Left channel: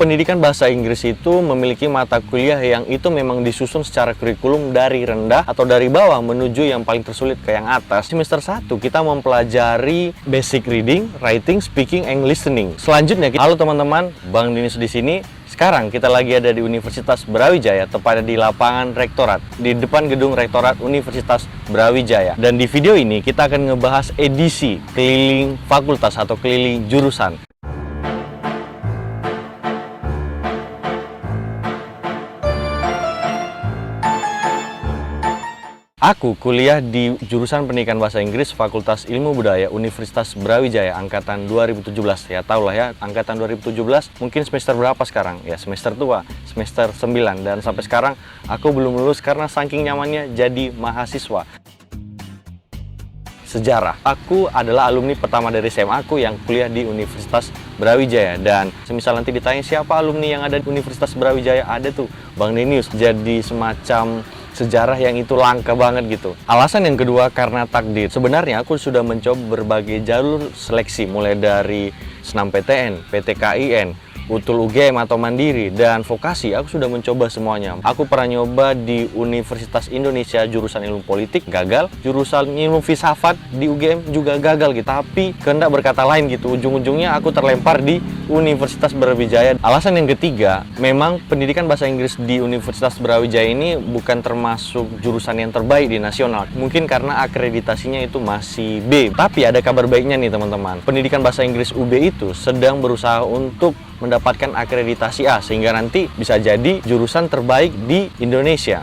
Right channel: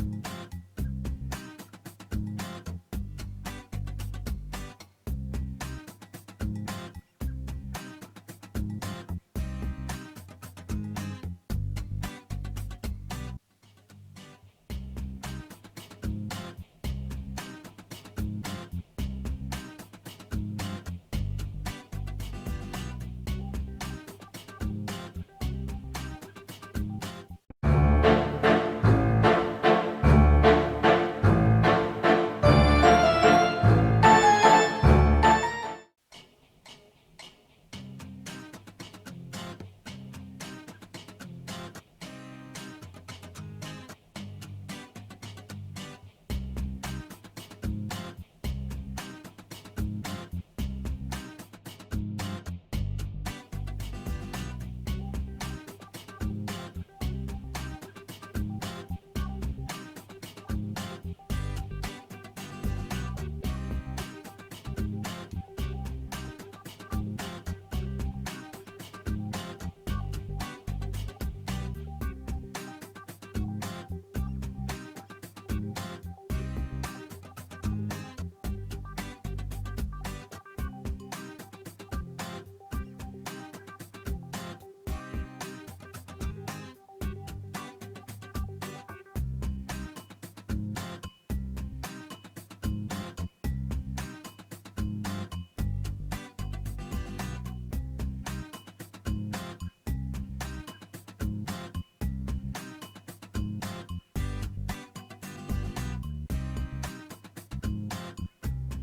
Pendidikan bahasa Inggris itu memiliki mata kuliah yang itu memang disusun secara kurikulum dari rendah atau dari bawah menuju yang paling tersulit ke yang atas. Semester 1 kita mempelajari basic reading, writing, speaking, and listening. Selanjutnya, halo teman-teman, Bang Dinis di sini. Sekarang kita lagi ada di Universitas Brawijaya, tepatnya di lapangan Rektorat, di depan gedung Rektorat Universitas Brawijaya. Dan di video ini kita akan ngebahas edisi keliling fakultas atau keliling jurusan. Aku kuliah di jurusan Pendidikan Bahasa Inggris Fakultas Ilmu Budaya Universitas Brawijaya angkatan 2017. Ya tau lah ya, angkatan 2017 mungkin semester berapa sekarang? Ya semester tua, semester 9. Dan sampai sekarang aku belum lulus karena saking nyamannya jadi mahasiswa. Sejarah. Aku adalah alumni pertama dari SMA aku yang kuliah di Universitas Brawijaya. Dan semisal nanti ditanya siapa alumni yang ada di Universitas Brawijaya, ada tuh Bang Denius. Jadi semacam sejarah yang itu langka banget gitu. Alasan yang kedua karena takdir. Sebenarnya aku sudah mencoba berbagai jalur seleksi, mulai dari SNMPTN, PTKIN, Utul UGM atau Mandiri, dan vokasi. Aku sudah mencoba semuanya. Aku pernah nyoba di Universitas Indonesia jurusan ilmu politik, gagal. Jurusan ilmu filsafat di UGM juga gagal gitu. Tapi kehendak berkata lain gitu. Ujung-ujungnya aku terlempar di Universitas Brawijaya. Alasan yang ketiga, memang pendidikan bahasa Inggris di Universitas Brawijaya ini bukan termasuk jurusan yang terbaik di nasional. Mungkin karena akreditasinya itu masih B. Tapi ada kabar baiknya nih teman-teman. Pendidikan bahasa Inggris UB itu sedang berusaha untuk mendapatkan akreditasi A, sehingga nanti bisa jadi jurusan terbaik di Indonesia.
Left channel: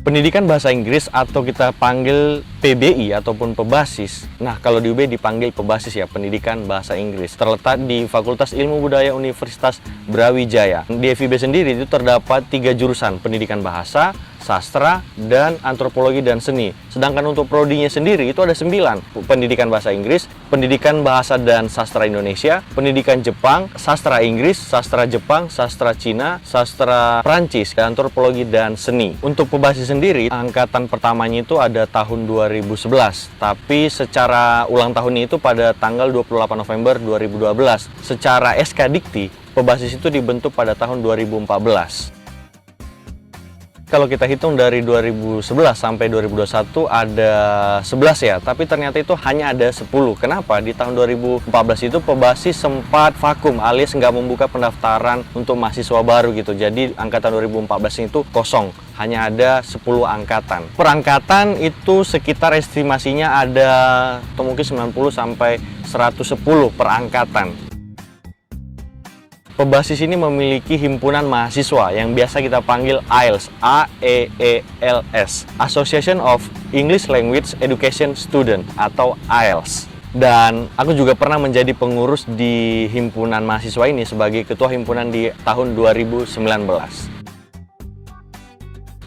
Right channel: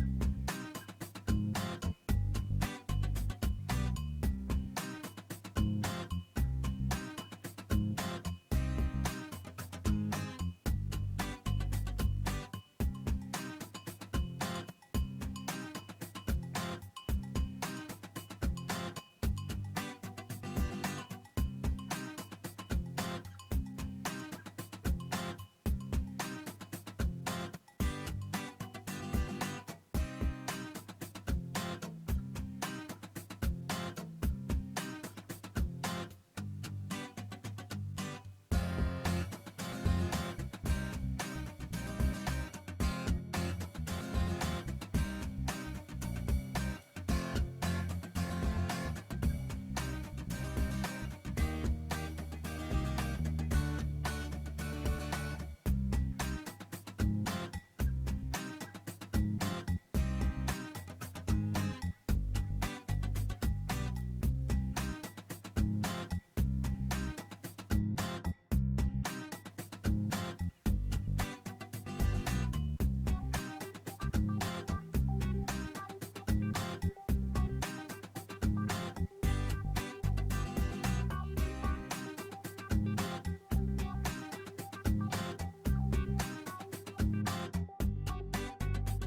Pendidikan bahasa Inggris atau kita panggil PBI ataupun pebasis. Nah, kalau di UB dipanggil pebasis ya, pendidikan bahasa Inggris. Terletak di Fakultas Ilmu Budaya Universitas Brawijaya. Di FIB sendiri itu terdapat 3 jurusan, pendidikan bahasa, sastra, dan antropologi dan seni. Sedangkan untuk prodinya sendiri itu ada 9. Pendidikan bahasa Inggris, pendidikan bahasa dan sastra Indonesia, pendidikan Jepang, sastra Inggris, sastra Jepang, sastra Cina, sastra Prancis, antropologi dan seni. Untuk pebasis sendiri, angkatan pertamanya itu ada tahun 2011. Tapi secara ulang tahunnya itu pada tanggal 28 November 2012. Secara SK Dikti, pebasis itu dibentuk pada tahun 2014. Kalau kita hitung dari 2011 sampai 2021 ada 11 ya, tapi ternyata itu hanya ada 10. Kenapa? Di tahun 2014 itu pebasis sempat vakum alias nggak membuka pendaftaran untuk mahasiswa baru gitu. Jadi angkatan 2014 itu kosong, hanya ada 10 angkatan. Per angkatan itu sekitar estimasinya ada atau mungkin 90 sampai 110 per angkatan. Pebasis ini memiliki himpunan mahasiswa yang biasa kita panggil AELS, A-E-E-L-S, Association of English Language Education Student atau AELS. Dan aku juga pernah menjadi pengurus di himpunan mahasiswa ini sebagai ketua himpunan di tahun 2019.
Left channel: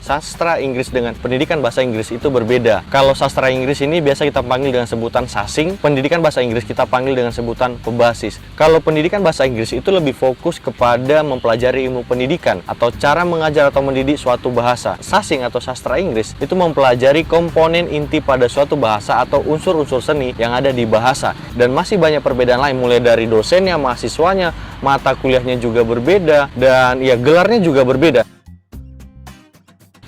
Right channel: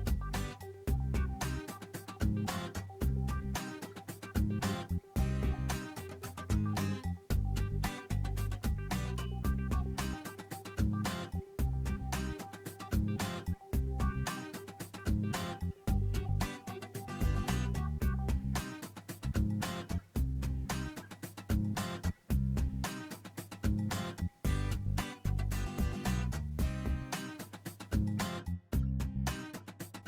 Sastra Inggris dengan pendidikan bahasa Inggris itu berbeda. Kalau sastra Inggris ini biasa kita panggil dengan sebutan sasing, pendidikan bahasa Inggris kita panggil dengan sebutan pebasis. Kalau pendidikan bahasa Inggris itu lebih fokus kepada mempelajari ilmu pendidikan atau cara mengajar atau mendidik suatu bahasa. Sasing atau sastra Inggris itu mempelajari komponen inti pada suatu bahasa atau unsur-unsur seni yang ada di bahasa. Dan masih banyak perbedaan lain, mulai dari dosennya, mahasiswanya, mata kuliahnya juga berbeda, dan ya gelarnya juga berbeda.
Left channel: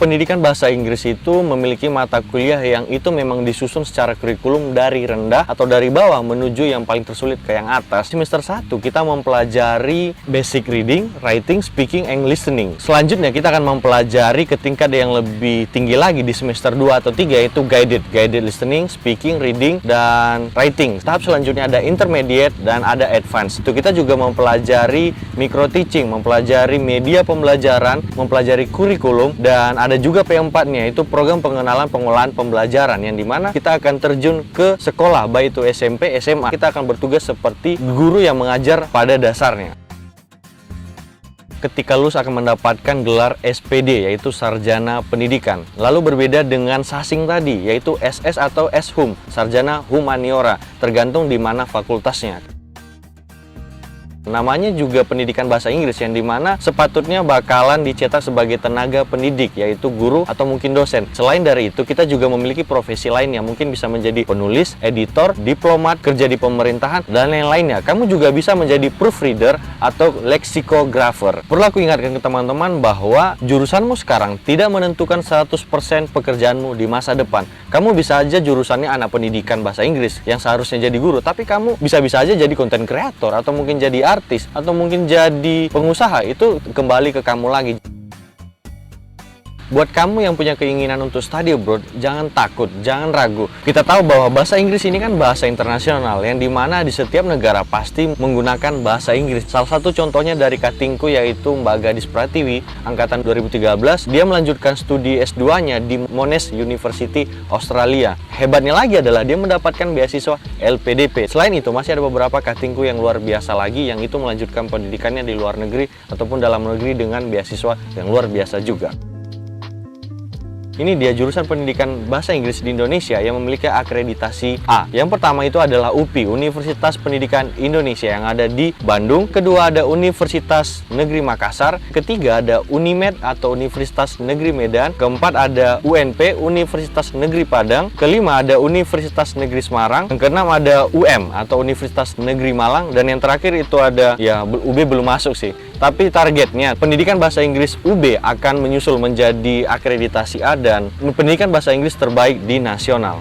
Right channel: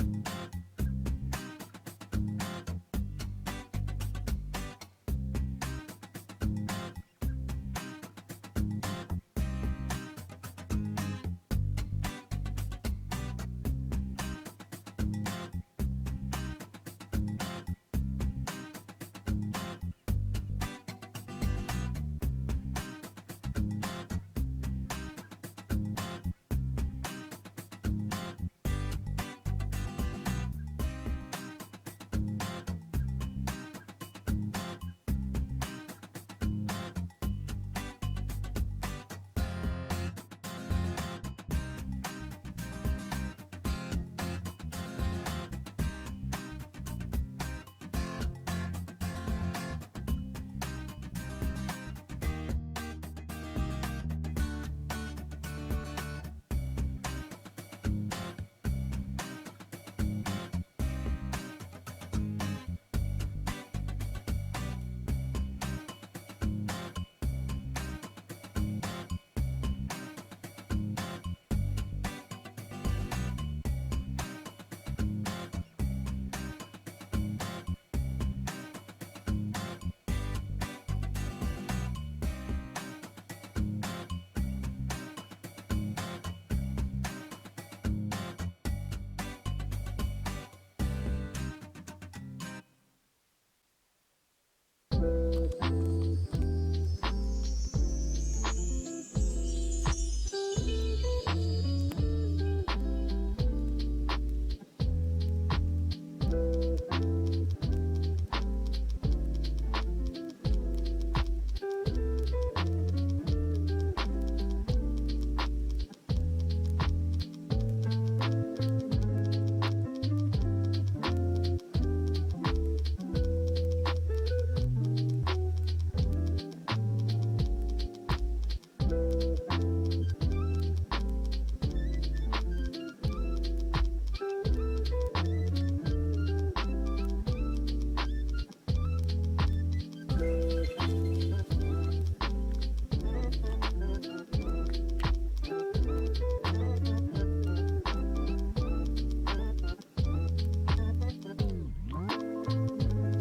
Pendidikan bahasa Inggris itu memiliki mata kuliah yang itu memang disusun secara kurikulum dari rendah atau dari bawah menuju yang paling tersulit ke yang atas. Semester 1 kita mempelajari basic reading, writing, speaking, and listening. Selanjutnya kita akan mempelajari ke tingkat yang lebih tinggi lagi di semester 2 atau 3, yaitu guided listening, speaking, reading, dan writing. Tahap selanjutnya ada intermediate dan ada advanced. Itu kita juga mempelajari micro teaching, mempelajari media pembelajaran, mempelajari kurikulum, dan ada juga P4-nya, itu program pengenalan pengolahan pembelajaran, yang dimana kita akan terjun ke sekolah, baik itu SMP, SMA. Kita akan bertugas seperti guru yang mengajar pada dasarnya. Ketika lulus akan mendapatkan gelar SPD, yaitu Sarjana Pendidikan. Lalu berbeda dengan sasing tadi, yaitu SS atau SHUM, Sarjana Humaniora, tergantung di mana fakultasnya. Namanya juga pendidikan bahasa Inggris, yang dimana sepatutnya bakalan dicetak sebagai tenaga pendidik, yaitu guru atau mungkin dosen. Selain dari itu, kita juga memiliki profesi lain yang mungkin bisa menjadi penulis, editor, diplomat, kerja di pemerintahan, dan lain-lainnya. Kamu juga bisa menjadi proofreader atau leksikografer. Perlu aku ingatkan ke teman-teman bahwa jurusanmu sekarang tidak menentukan 100% pekerjaanmu di masa depan. Kamu bisa aja jurusannya anak pendidikan bahasa Inggris yang seharusnya jadi guru, tapi kamu bisa-bisa aja jadi content creator atau mungkin jadi artis atau mungkin jadi pengusaha. Itu kembali ke kamu lagi. Buat kamu yang punya keinginan untuk study abroad, jangan takut, jangan ragu. Kita tahu bahwa bahasa Inggris ini kan bahasa internasional, yang dimana di setiap negara pasti menggunakan bahasa Inggris. Salah satu contohnya dari katingku, yaitu Mbak Gadis Pratiwi, angkatan 2013. Dia melanjutkan studi S2-nya di Monash University, Australia. Hebatnya lagi adalah dia mendapatkan beasiswa LPDP. Selain itu, masih ada beberapa katingku yang luar biasa lagi, yang itu melanjutkan pendidikannya di luar negeri ataupun dalam negeri dengan beasiswa yang luar biasa juga. Ini dia jurusan pendidikan bahasa Inggris di Indonesia yang memiliki akreditasi A. Yang pertama itu adalah UPI, Universitas Pendidikan Indonesia, yang ada di Bandung. Kedua ada Universitas Negeri Makassar. Ketiga ada Unimed atau Universitas Negeri Medan. Keempat ada UNP, Universitas Negeri Padang. Kelima ada Universitas Negeri Semarang. Yang keenam ada UM atau Universitas Negeri Malang. Dan yang terakhir itu ada, ya UB belum masuk sih, tapi targetnya pendidikan bahasa Inggris UB akan menyusul menjadi akreditasi A dan pendidikan bahasa Inggris terbaik di nasional.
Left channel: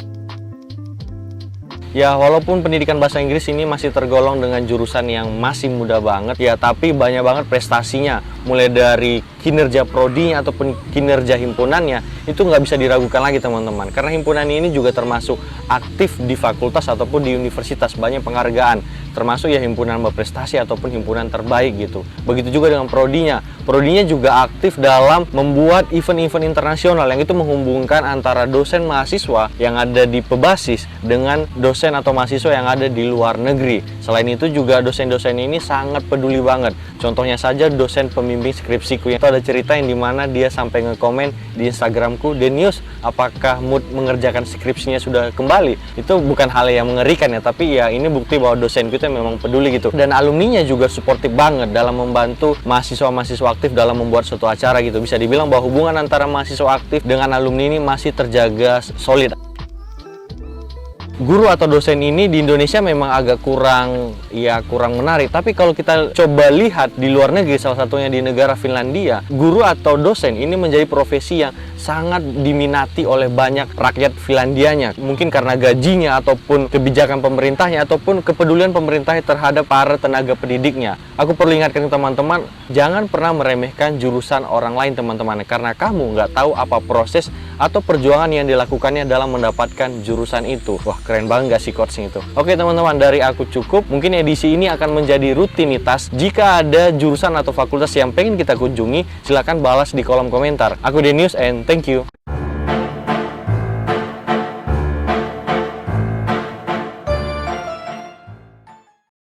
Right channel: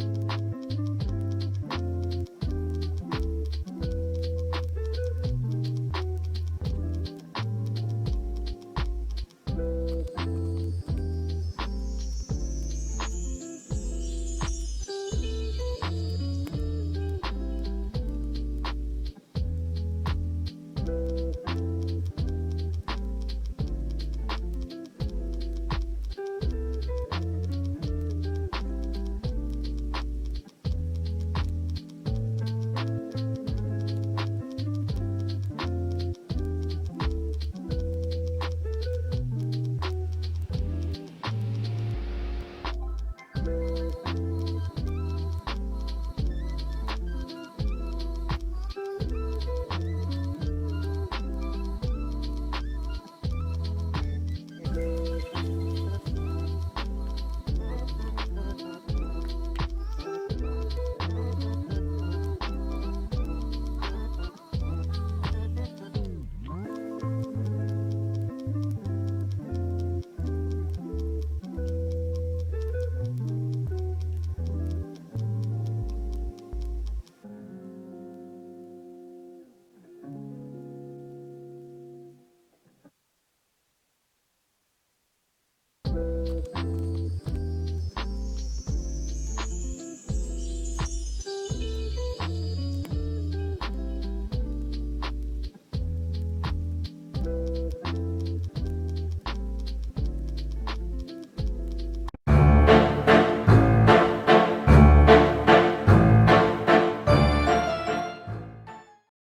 Ya, walaupun pendidikan bahasa Inggris ini masih tergolong dengan jurusan yang masih muda banget, ya tapi banyak banget prestasinya. Mulai dari kinerja prodinya ataupun kinerja himpunannya, itu nggak bisa diragukan lagi teman-teman. Karena himpunan ini juga termasuk aktif di fakultas ataupun di universitas, banyak penghargaan. Termasuk ya himpunan berprestasi ataupun himpunan terbaik gitu. Begitu juga dengan prodinya. Prodinya juga aktif dalam membuat event-event internasional yang itu menghubungkan antara dosen mahasiswa yang ada di Pebasis dengan dosen atau mahasiswa yang ada di luar negeri. Selain itu juga dosen-dosen ini sangat peduli banget. Contohnya saja dosen pembimbing skripsiku, yang itu ada cerita yang dimana dia sampai ngekomen di Instagramku, "Denius, apakah mood mengerjakan skripsinya sudah kembali?" Itu bukan hal yang mengerikan ya, tapi ya ini bukti bahwa dosen kita memang peduli gitu. Dan alumninya juga suportif banget dalam membantu mahasiswa-mahasiswa aktif dalam membuat suatu acara gitu. Bisa dibilang bahwa hubungan antara mahasiswa aktif dengan alumni ini masih terjaga solid. Guru atau dosen ini di Indonesia memang agak kurang menarik. Tapi kalau kita coba lihat di luar negeri, salah satunya di negara Finlandia, guru atau dosen ini menjadi profesi yang sangat diminati oleh banyak rakyat Finlandianya. Mungkin karena gajinya ataupun kebijakan pemerintahnya ataupun kepedulian pemerintahnya terhadap para tenaga pendidiknya. Aku perlu ingatkan ke teman-teman, jangan pernah meremehkan jurusan orang lain teman-teman, karena kamu nggak tahu apa proses atau perjuangan yang dilakukannya dalam mendapatkan jurusan itu. Wah, keren banget gak sih quotesnya itu? Oke teman-teman, dari aku cukup. Mungkin edisi ini akan menjadi rutinitas. Jika ada jurusan atau fakultas yang pengen kita kunjungi, silahkan balas di kolom komentar. Aku Denius and thank you.